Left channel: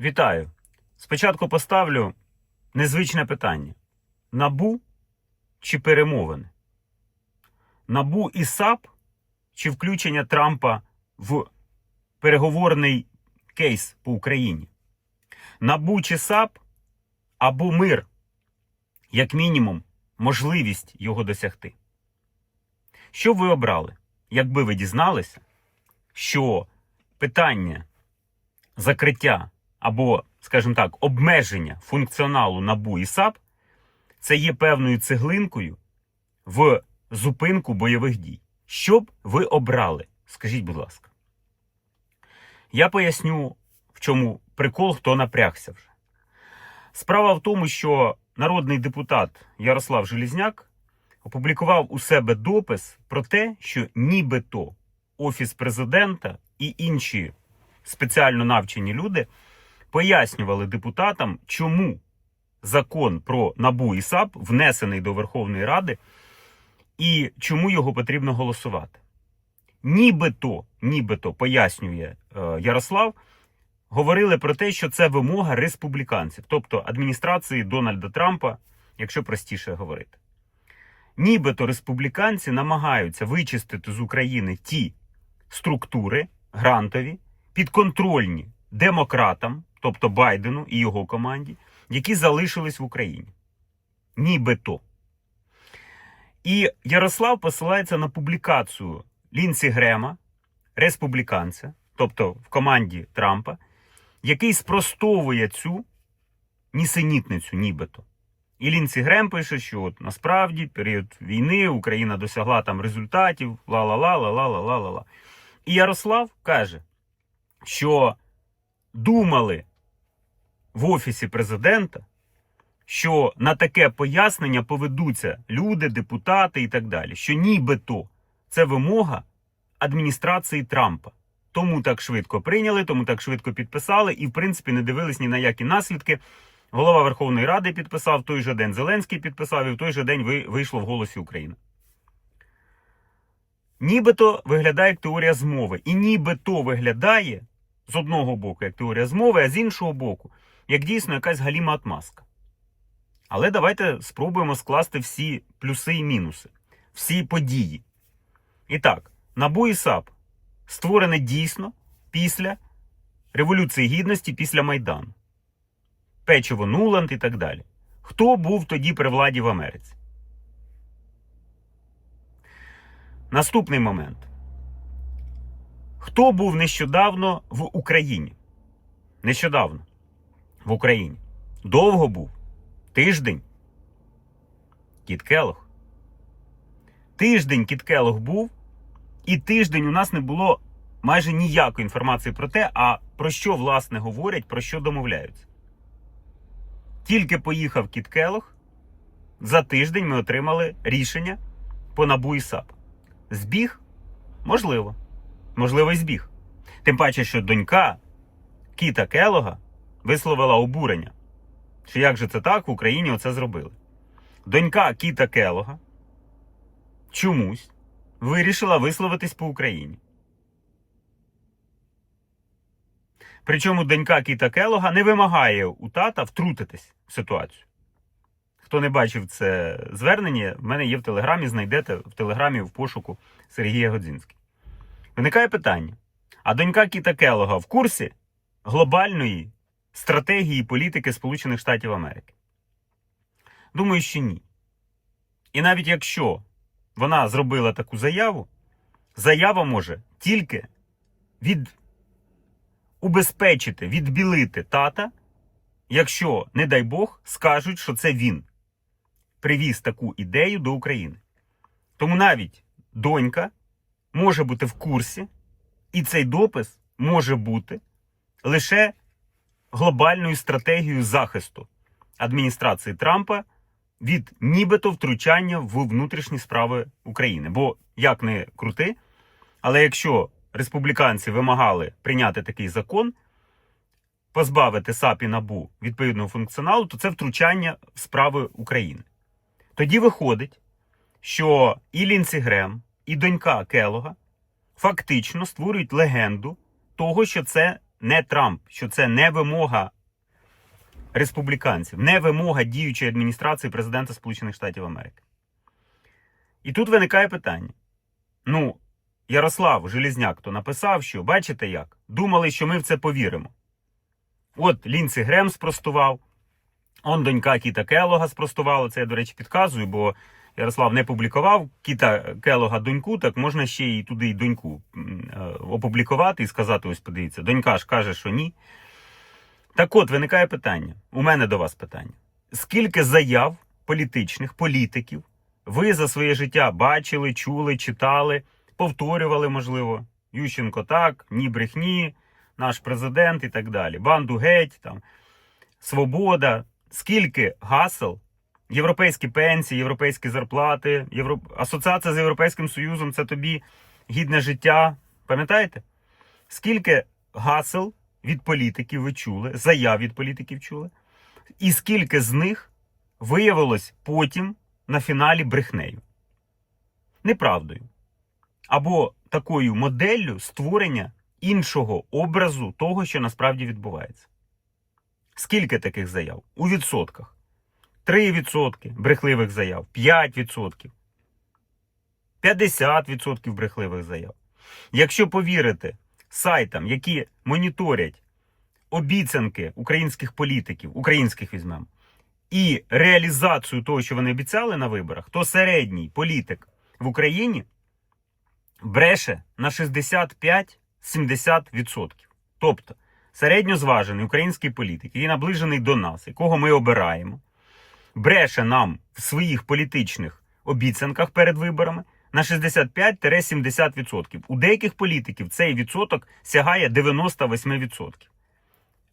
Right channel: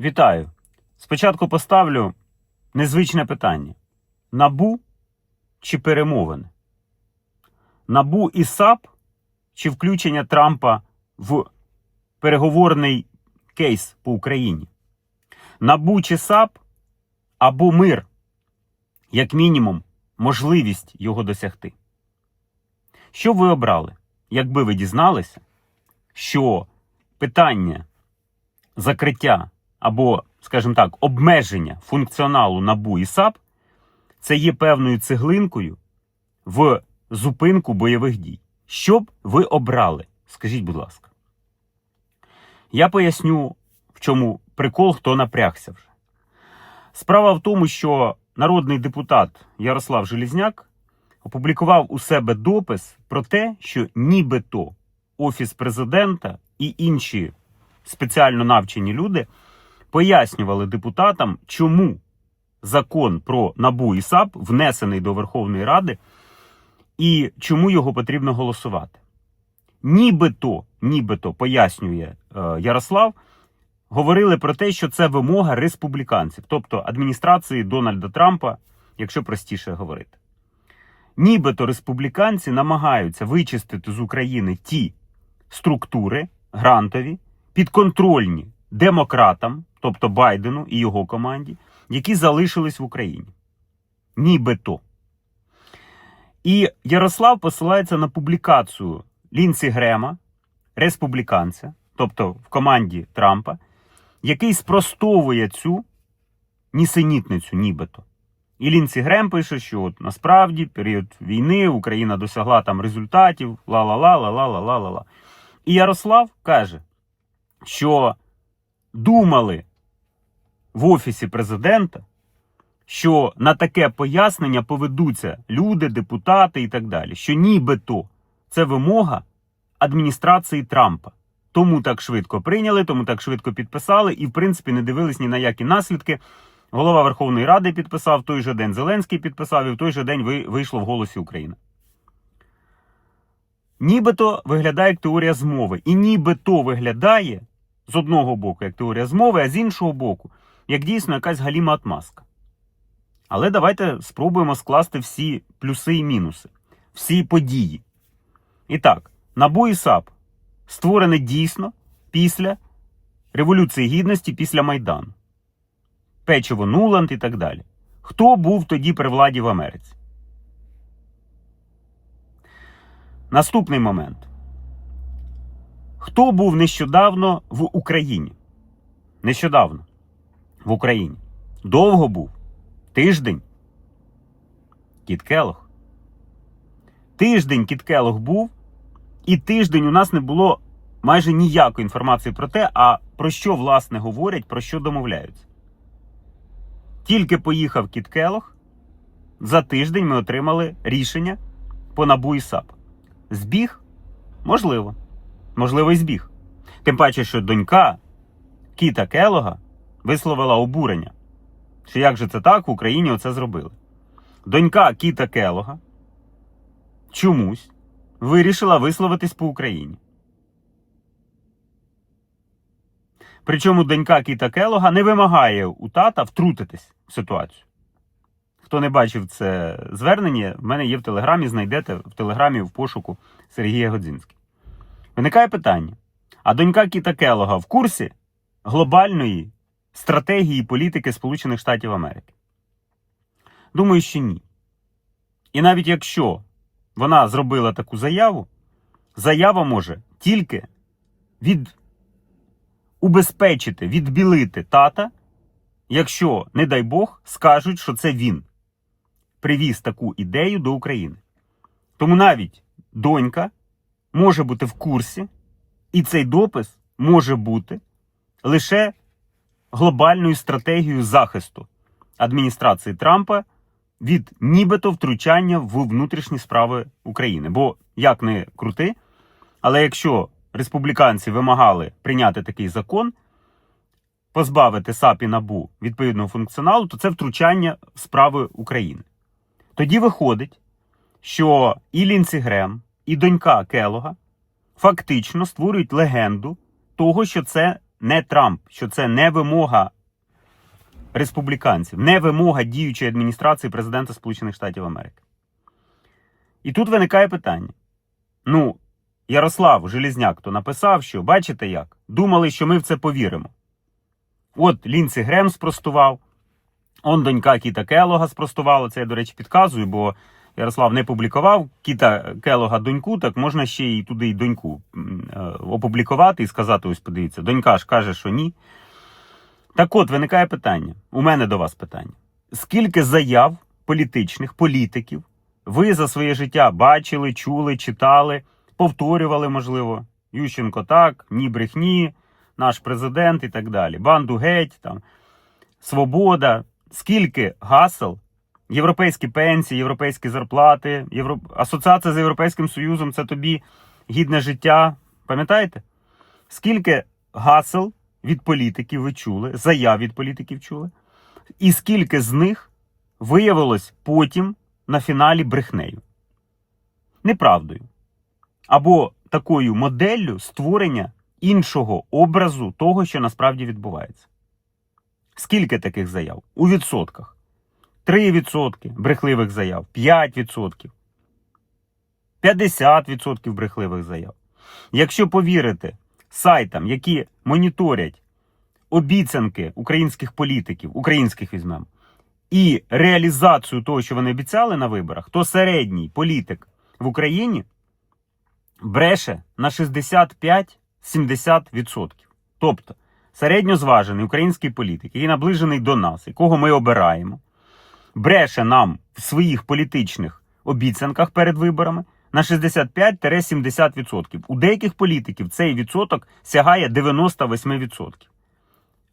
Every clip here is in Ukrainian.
Вітаю. Спочатку поставлю незвичне питання: набу чи перемовини? Набу і САП чи включення Трампа в переговорний кейс по Україні? Набу чи САП або мир, як мінімум, можливість його досягти. Що ви обрали, якби ви дізналися, що питання закриття або, скажімо так, обмеження функціоналу НАБУ і САП це є певною цеглинкою в зупинку бойових дій. Що б ви обрали? Скажіть, будь ласка. Я поясню, в чому прикол, хто напрягся вже. Справа в тому, що народний депутат Ярослав Желізняк опублікував у себе допис про те, що нібито Офіс президента і інші спеціально навчені люди пояснювали депутатам, чому закон про НАБУ і САП внесений до Верховної Ради і чому його потрібно голосувати. Нібито, нібито пояснює е, Ярослав, говорили про те, що це вимога республіканців, тобто адміністрації Дональда Трампа, якщо простіше говорити. Нібито республіканці намагаються вичистити з України ті структури грантові, підконтрольні демократам, тобто Байдену і його команді, які залишились в Україні. Нібито. І Ярослав посилається на публікацію Лінсі Грема, республіканця, тобто в команді Трампа, який спростовує цю нісенітницю, нібито. І Лінсі Грем пише, що от насправді період війни Україна досягла там результатів, ла-ла-ла, ла-ла-ла, ла-ла. І Ярослав каже, що думали в офісі президента, що на таке пояснення поведуться люди, депутати і так далі. Що нібито це вимога адміністрації Трампа. Тому так швидко прийняли, тому так швидко підписали, і, в принципі, не дивились ні на які наслідки. Голова Верховної Ради підписав, в той же день Зеленський підписав, і в той же день вийшло в голосі України. Нібито виглядає як теорія змови. І нібито виглядає з одного боку як теорія змови, а з іншого боку, як дійсно якась галіма отмазка. Але давайте спробуємо скласти всі плюси і мінуси, всі події. І так, НАБУ і САП створене дійсно після Революції Гідності, після Майдану. Печиво Нуланд і так далі. Хто був тоді при владі в Америці? Наступний момент. Хто був нещодавно в Україні? Нещодавно в Україні. Довго був. Тиждень. Кіт Келох. Тиждень Кіт Келох був, і тиждень у нас не було майже ніякої інформації про те, а про що власне говорять, про що домовляються. Тільки поїхав Кіт Келох, за тиждень ми отримали рішення по НАБУ і САП. Збіг? Можливо. Можливо, і збіг. Тим паче, що донька Кіта Келога висловила обурення, що як же це так в Україні оце зробили. Донька Кіта Келога чомусь вирішила висловитись по Україні. Причому донька Кіта Келога не вимагає у тата втрутитись в ситуацію. Хто не бачив це звернення, в мене є в телеграмі, знайдете в телеграмі в пошуку Сергія Годзінський. Виникає питання: а донька Кіта Келога в курсі глобальної стратегії політики Сполучених Штатів Америки? Думаю, що ні. І навіть якщо вона зробила таку заяву, заява може тільки від убезпечити, відбілити тата, якщо, не дай Бог, скажуть, що це він привіз таку ідею до України. Тому навіть донька може бути в курсі, і цей допис може бути лише глобальною стратегією захисту адміністрації Трампа від нібито втручання в внутрішні справи України. Бо як не крути, але якщо республіканці вимагали прийняти такий закон, позбавити САП і НАБУ відповідного функціоналу, то це втручання в справи України. Тоді виходить, що і Лінсі Грем, і донька Келога фактично створюють легенду того, що це не Трамп, що це не вимога республіканців, не вимога діючої адміністрації президента Сполучених Штатів Америки. І тут виникає питання. Ну, Ярослав Желізняк то написав, що бачите як? Думали, що ми в це повіримо. От Лінці Грем спростував, он донька Кіта Келога спростувала. Це я, до речі, підказую, бо Ярослав не публікував Кіта Келога доньку, так можна ще і туди й доньку е, опублікувати і сказати: ось подивіться, донька ж каже, що ні. Так от виникає питання. У мене до вас питання. Скільки заяв політичних політиків ви за своє життя бачили, чули, читали, повторювали, можливо, Ющенко так, ні брехні, наш президент і так далі. Банду геть, там, свобода. Скільки гасел, європейські пенсії, європейські зарплати, Євро... асоціація з Європейським Союзом це тобі гідне життя. Пам'ятаєте? Скільки гасел від політиків ви чули, заяв від політиків чули, і скільки з них виявилось потім на фіналі брехнею, неправдою. Або такою моделлю створення іншого образу того, що насправді відбувається. Скільки таких заяв? У відсотках. 3% брехливих заяв, 5%, 50% брехливих заяв. Якщо повірити сайтам, які моніторять обіцянки українських політиків, українських візьмемо, і реалізацію того, що вони обіцяли на виборах, то середній політик в Україні бреше на 65-70%. Тобто середньозважений український політик, який наближений до нас, якого ми обираємо, бреше нам в своїх політичних обіцянках перед виборами на 65-70%. У деяких політиків цей відсоток сягає 98%.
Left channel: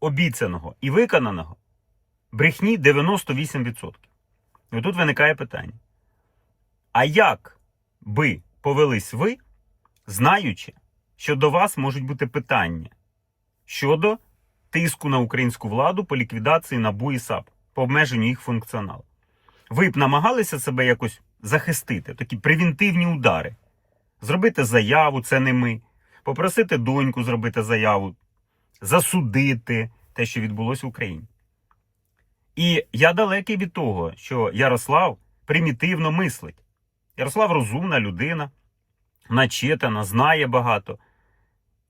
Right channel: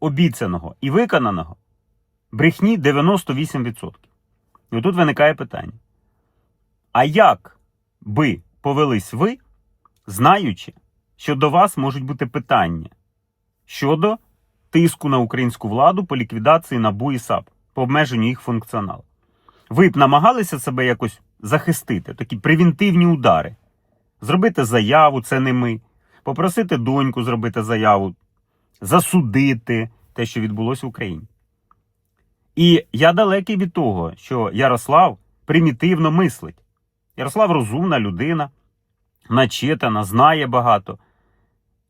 Обіцяного і виконаного брехні 98%. І отут виникає питання: а як би повелись ви, знаючи, що до вас можуть бути питання щодо тиску на українську владу по ліквідації НАБУ і САП, по обмеженню їх функціоналу? Ви б намагалися себе якось захистити, такі превентивні удари, зробити заяву, це не ми, попросити доньку зробити заяву, засудити те, що відбулося в Україні. І я далекий від того, що Ярослав примітивно мислить. Ярослав розумна людина, начитана, знає багато.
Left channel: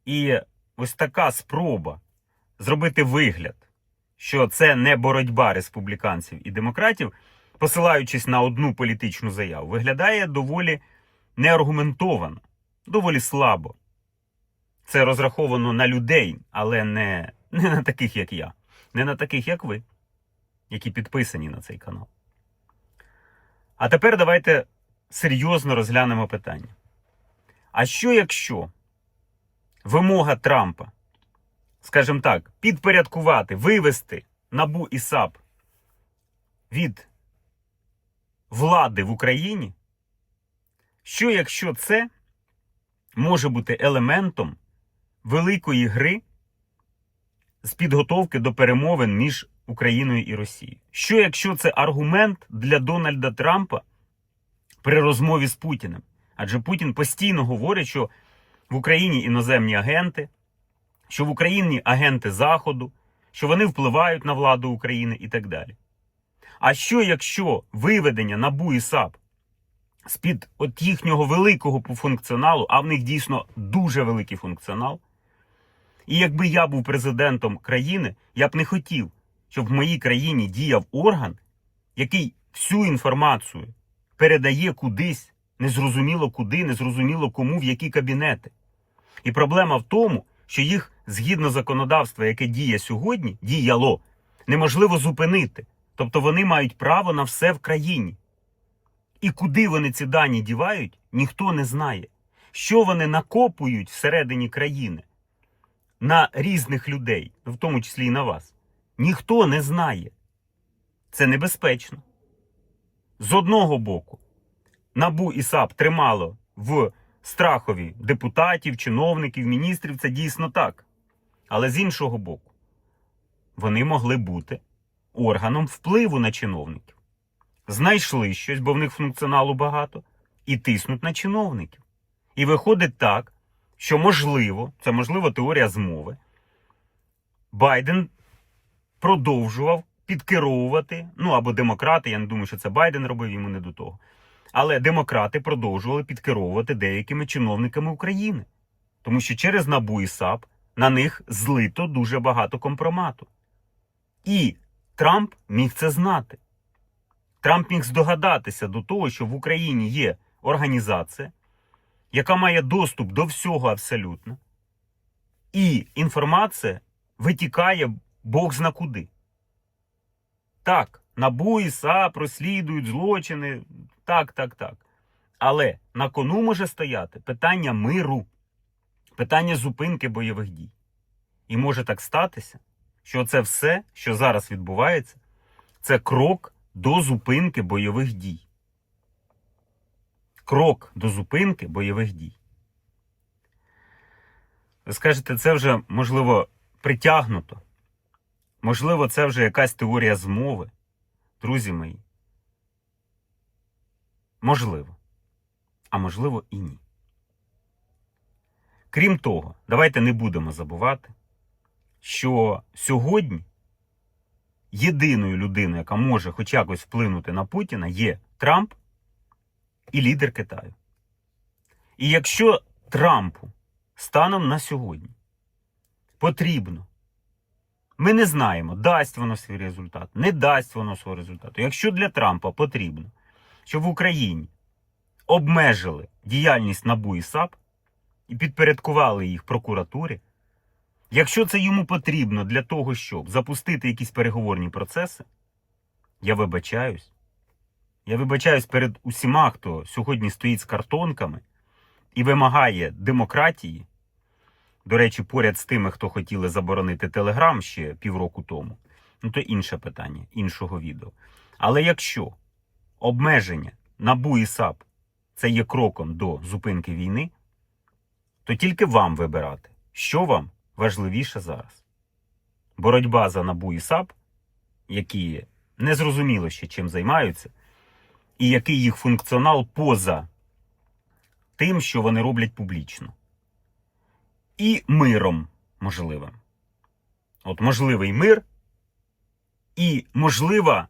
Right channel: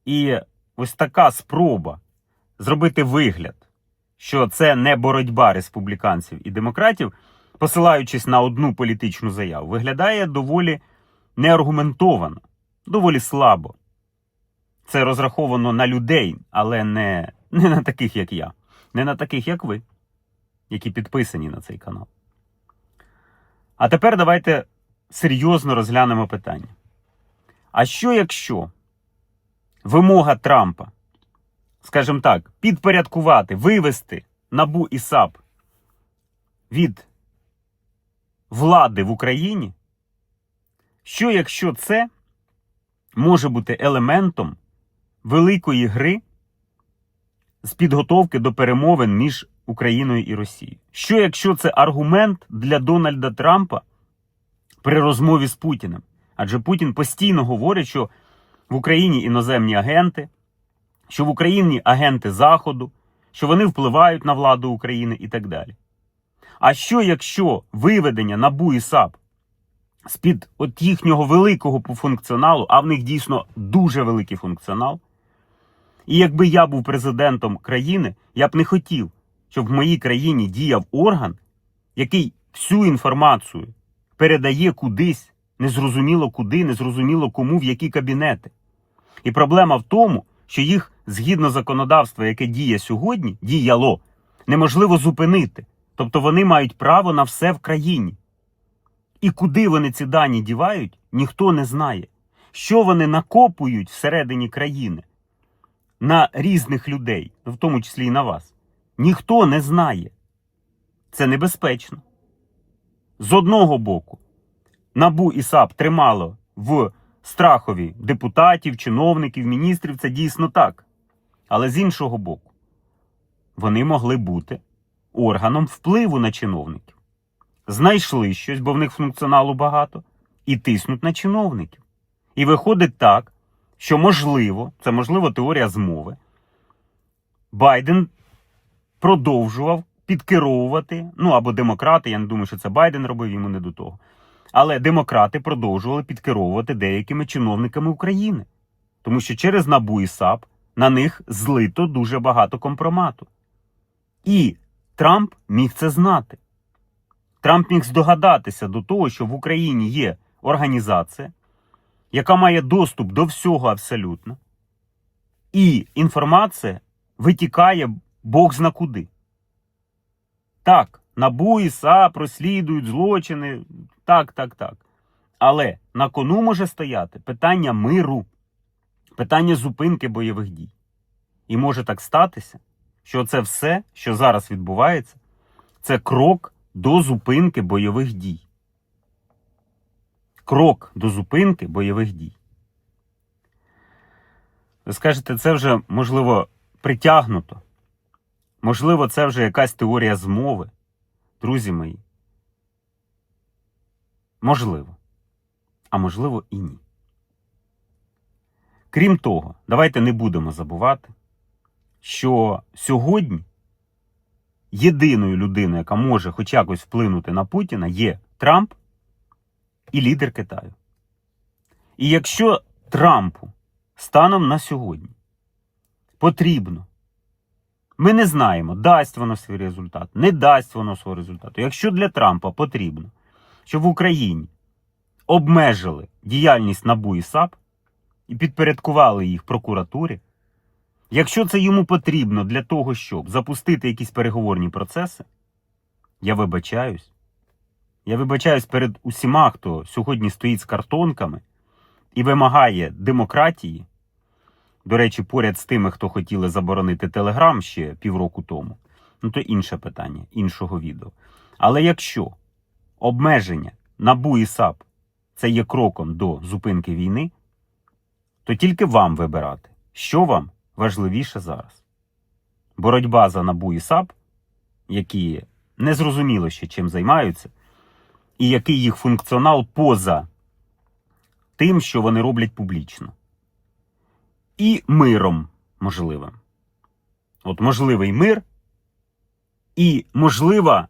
І ось така спроба зробити вигляд, що це не боротьба республіканців і демократів, посилаючись на одну політичну заяву, виглядає доволі неаргументовано, доволі слабо. Це розраховано на людей, але не, не на таких, як я, не на таких, як ви, які підписані на цей канал. А тепер давайте серйозно розглянемо питання. А що якщо вимога Трампа, скажімо так, підпорядкувати, вивести Набу і САП від влади в Україні? Що якщо це може бути елементом великої гри з підготовки до перемовин між Україною і Росією? Що якщо це аргумент для Дональда Трампа при розмові з Путіним? Адже Путін постійно говорить, що в Україні іноземні агенти, що в Україні агенти Заходу, що вони впливають на владу України і так далі. А що якщо виведення НАБУ і САП з-під от їхнього великого функціоналу, а в них дійсно дуже великий функціонал, і якби я був президентом країни, я б не хотів, щоб в моїй країні діяв орган, який всю інформацію передає кудись, незрозуміло куди, незрозуміло кому, в які кабінети. І проблема в тому, що їх згідно законодавства, яке діє сьогодні, діяло, неможливо зупинити. Тобто вони мають право на все в країні. І куди вони ці дані дівають, ніхто не знає. Що вони накопують всередині країни на різних людей, в тому числі і на вас, ніхто не знає. Це небезпечно. З одного боку, Набу і САП тримало в страхові депутатів, чиновників, міністрів, це дійсно так. Але з іншого боку, вони могли бути органом впливу на чиновників. Знайшли щось, бо в них функціоналу багато, і тиснуть на чиновників. І виходить так, що можливо, це можливо теорія змови, Байден продовжував підкеровувати, ну або демократи, я не думаю, що це Байден робив йому не до того. Але демократи продовжували підкеровувати деякими чиновниками України. Тому що через НАБУ і САП на них злито дуже багато компромату. І Трамп міг це знати. Трамп міг здогадатися до того, що в Україні є організація, яка має доступ до всього абсолютно, і інформація витікає Бог зна куди. Так, НАБУ і САП розслідують злочини. Так, так, так. Але на кону може стояти питання миру, питання зупинки бойових дій. І може так статися, що це все, що зараз відбувається, це крок до зупинки бойових дій. Крок до зупинки бойових дій. Ви скажете, це вже, можливо, притягнуто. Можливо, це вже якась теорія змови. Друзі мої. Можливо. А можливо і ні. Крім того, давайте не будемо забувати, що сьогодні єдиною людиною, яка може хоч якось вплинути на Путіна, є Трамп і лідер Китаю. І якщо Трампу станом на сьогодні потрібно, ми не знаємо, дасть воно свій результат, не дасть воно свого результату. Якщо для Трампа потрібно, щоб в Україні обмежили діяльність НАБУ і САП і підпорядкували їх прокуратурі, якщо це йому потрібно для того, щоб запустити якісь переговорні процеси, я вибачаюсь. Я вибачаюсь перед усіма, хто сьогодні стоїть з картонками і вимагає демократії. До речі, поряд з тими, хто хотіли заборонити Телеграм ще півроку тому, ну то інше питання, іншого відео. Але якщо обмеження НАБУ і САП це є кроком до зупинки війни, то тільки вам вибирати, що вам важливіше зараз. Боротьба за НАБУ і САП, які незрозуміло ще чим займаються, і який їх функціонал поза тим, що вони роблять публічно. І миром можливим. От можливий мир і можлива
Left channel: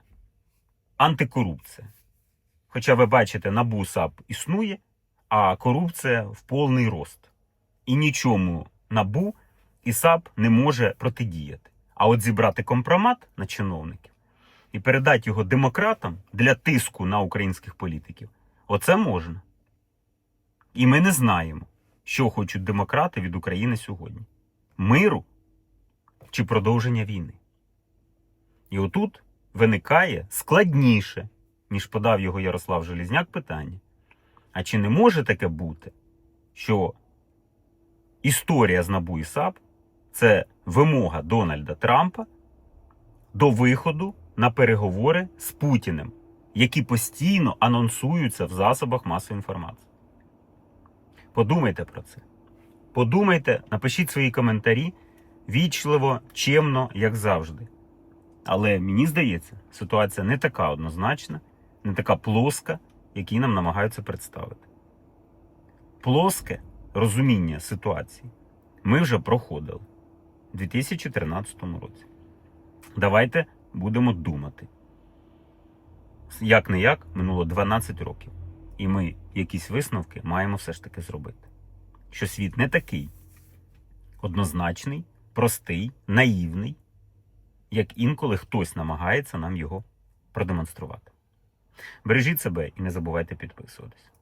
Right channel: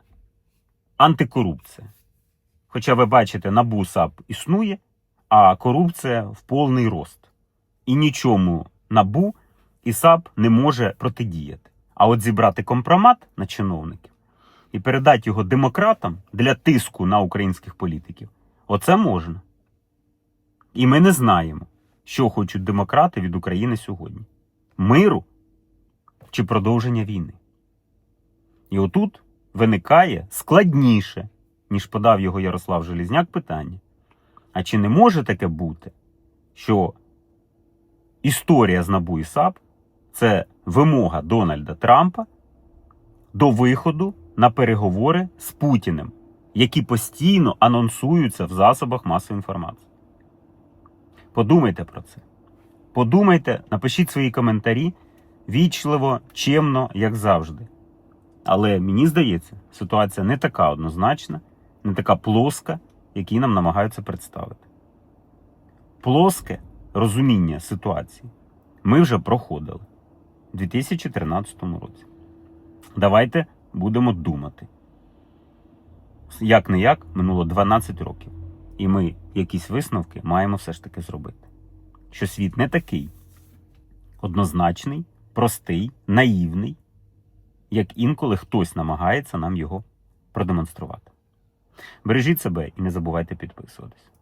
антикорупція. Хоча ви бачите, НАБУ САП існує, а корупція в повний рост. І нічому НАБУ і САП не може протидіяти. А от зібрати компромат на чиновників і передати його демократам для тиску на українських політиків оце можна. І ми не знаємо, що хочуть демократи від України сьогодні: миру чи продовження війни. І отут виникає складніше, ніж подав його Ярослав Желізняк, питання. А чи не може таке бути, що історія з НАБУ і САП це вимога Дональда Трампа до виходу на переговори з Путіним, які постійно анонсуються в засобах масової інформації? Подумайте про це. Подумайте, напишіть свої коментарі вічливо, чемно, як завжди. Але мені здається, ситуація не така однозначна, не така плоска, якій нам намагаються представити. Плоске розуміння ситуації ми вже проходили у 2013 році. Давайте будемо думати. Як не як, минуло 12 років. І ми якісь висновки маємо все ж таки зробити. Що світ не такий однозначний, простий, наївний, як інколи хтось намагається нам його продемонструвати. Бережіть себе і не забувайте підписуватись.